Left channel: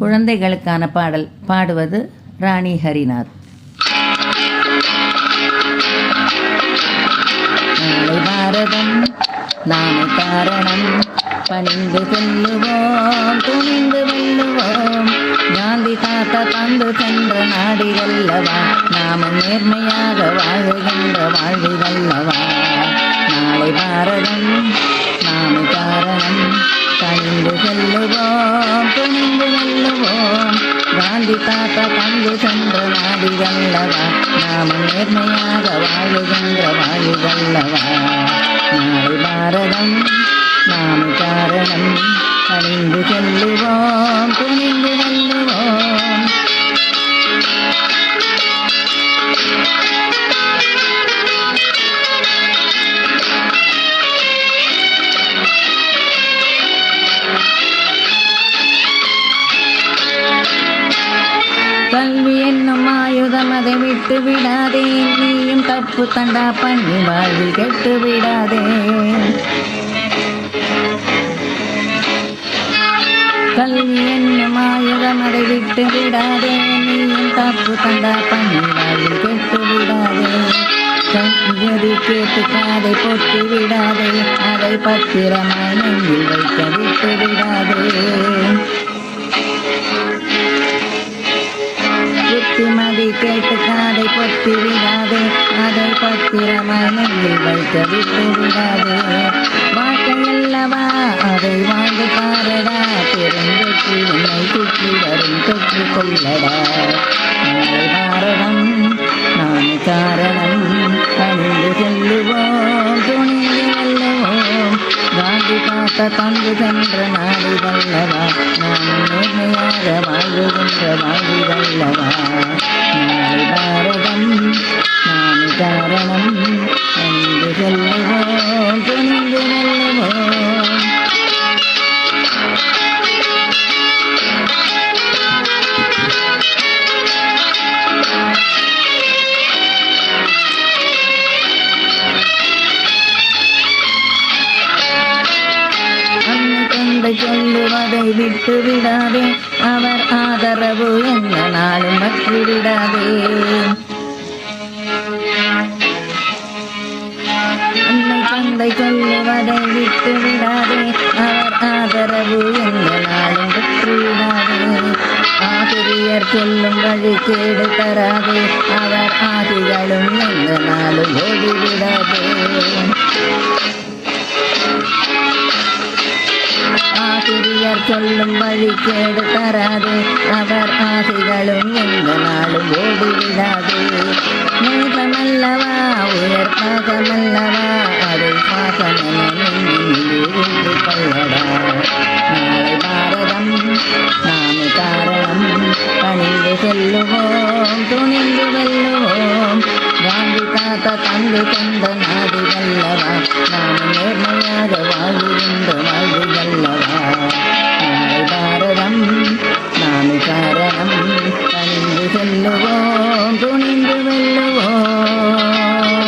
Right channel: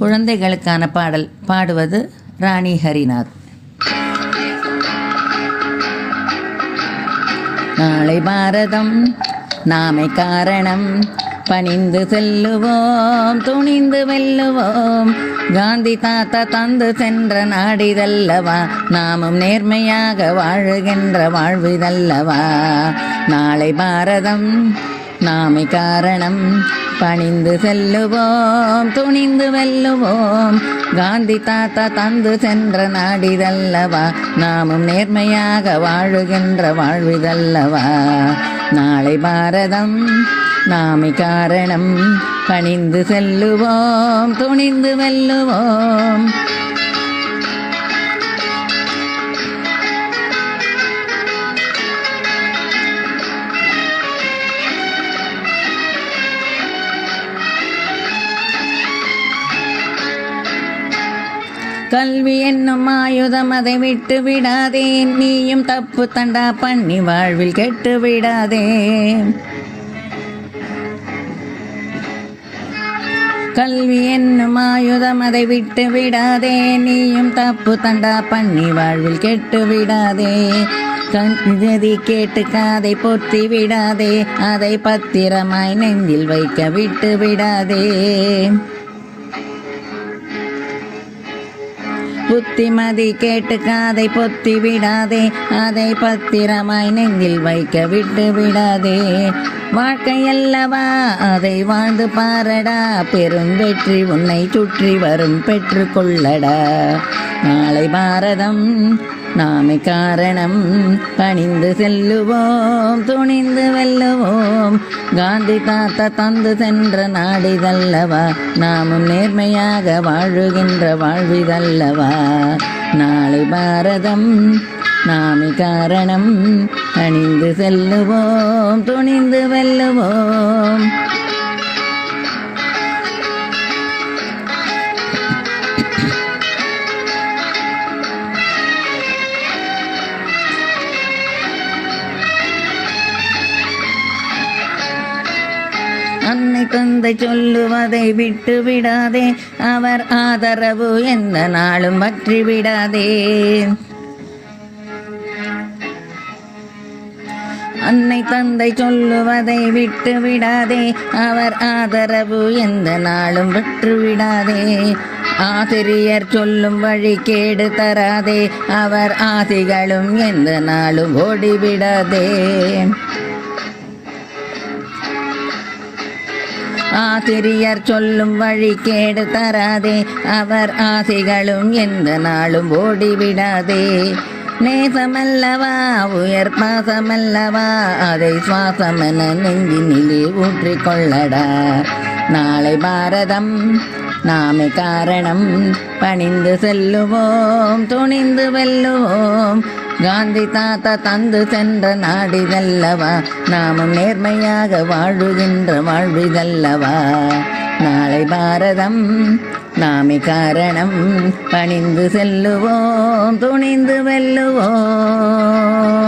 குழந்தைகளுக்கான பாடல் பாடுவது ராணி ஹரிநாத். நாளை பாரதம் நாமே காரணம், பணிந்து செல்லுவோம் துணிந்து வெல்லுவோம். காந்தி தாத்தா தந்து சென்ற நாடிதல்லவா, நாமும் நேர்மையாக வாழுகின்ற வாழ்விதல்லவா. நாளை பாரதம் நாமே காரணம், பணிந்து செல்லுவோம் துணிந்து வெல்லுவோம். காந்தி தாத்தா தந்து சென்ற நாடிதல்லவா, நாமும் நேர்மையாக வாழுகின்ற வாழ்விதல்லவா. நாளை பாரதம் நாமே காரணம், பணிந்து செல்லுவோம் துணிந்து வெல்லுவோம். கல்வி என்னும் ஆயுதம் அதை விட்டு விடாதே, நீயும் தப்பு தண்டா பண்ணி வாழ்வில் கெட்டு விடாதே. கல்வி என்னும் ஆயுதம் அதை விட்டு விடாதே, நீயும் தப்பு தண்டா பண்ணி வாழ்வில் கெட்டு விடாதே. கண்கதி கேட்டு காதை பொத்தி விடாதே, அதை பத்திரமாய் நெஞ்சில் வைக்க விட்டு விடாதே. புத்திமதி கேட்டு காதை பொத்தி விடாதே, அதை பத்திரமாய் நெஞ்சில் வைக்க விட்டு விடாதே. வாழ்க்கையல்லவா அதை வாழ்ந்து பாரடா, பெருந்தொற்றி உன்னை சுற்றி வரும் பெற்று கொள்ளடா. நாளை பாரதம் நாமே காரணம், பணிந்து செல்லுவோம் துணிந்து வெல்லுவோம். காந்தி தாத்தா தந்து சென்ற நாடுதல்லவா, நாமும் நேர்மையாக வாழுகின்ற வாழ்விதல்லவா. நாளை பாரதம் நாமே காரணம், பணிந்து செல்லுவோம் துணிந்து வெல்லுவோம். அன்னை தந்தை சொல்லுவதை விட்டு விடாதே, அவர் ஆதரவு எந்த நாளும் பற்றி விடாதே. அன்னை தந்தை சொல்லுவதை விட்டு விடாதே, அவர் ஆதரவு எந்த நாளும் பற்றி விடாதே. ஆசிரியர் சொல்லும் வழி கேடு தராதே, அவர் ஆசிகளும் எந்த நாளும் ஓடிவிடாதே. ஆசிரியர் சொல்லும் வழி கேடு தராதே, அவர் ஆசைகளும் எந்த நாளும் ஓடிவிடாதே. நேசமல்லவா உயர் பாசமல்லவா, அதை சுவாசமென நெஞ்சினிலே ஊற்றிக் கொள்ளடா. நாளை பாரதம் நாமே காரணம், பணிந்து செல்லுவோம் துணிந்து வெல்லுவோம். காந்தி தாத்தா தந்து சென்ற நாடிதல்லவா, நாமும் நேர்மையாக வாழுகின்ற வாழ்விதல்லவா. நாளை பாரதம் நாமே காரணம், பணிந்து செல்லுவோம் துணிந்து வெல்லுவோம்.